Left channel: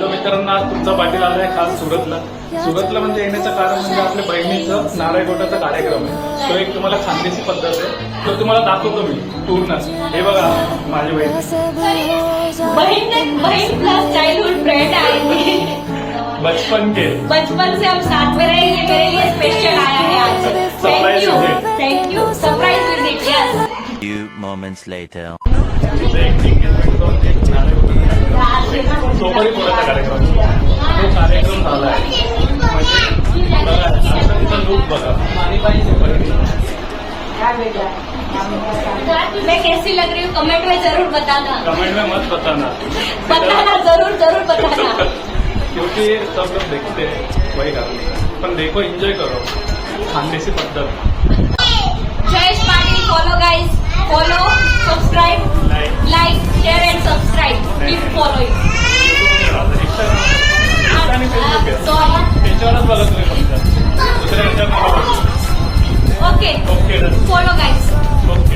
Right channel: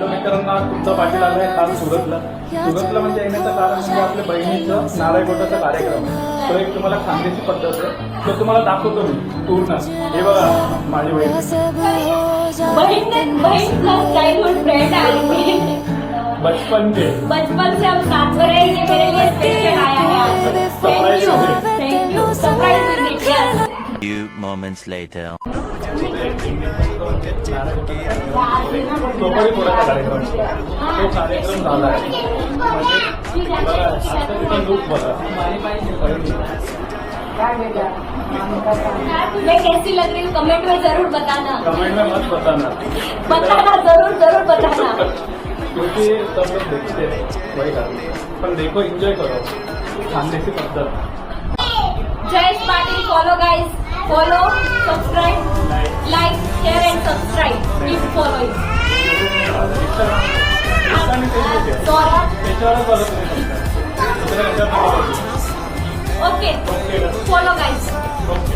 तर मित्रांनो आज तुमचा पाटील आला आहे खास सुरतला. सुरतला म्हणजे येण्याचं कारण म्हणजे आपल्या बहिणीचं नारळ गोटाचा कार्यक्रम आहे. तो एक तुम्हाला खानदेशी पद्धत आहे, तो तुम्हाला दाखवतो मी पूर्ण. हे बघा माझी बहन प्लस चाइल्डहुड फ्रेंड है। बचपन से हम साथ में रहे, ये मेरे लिए स्पेशल आया है आज। Thank you surprise will be Few moments later. सोपारी फोडायचा कार्यक्रम, तो कार्यक्रम झाला आहे. म्हणजे बघा आता तिथं लूक बघा. मैं कैसी लग रही हूँ कमेंट में जरूर बताना। कमेंट में मत बताना जरूर बताना क्योंकि सब लोग देखते हैं वही कारण. पण देखो एंजॉय करो खानदेशी पद्धत. Jayesh Patil follow guys, follow subscribe like share end subscribe, keep following. त्याच्यावरच बघा तुम्ही फक्त दुसऱ्या ह्याच्यावर नका बघू. Okay okay follow guys. Okay.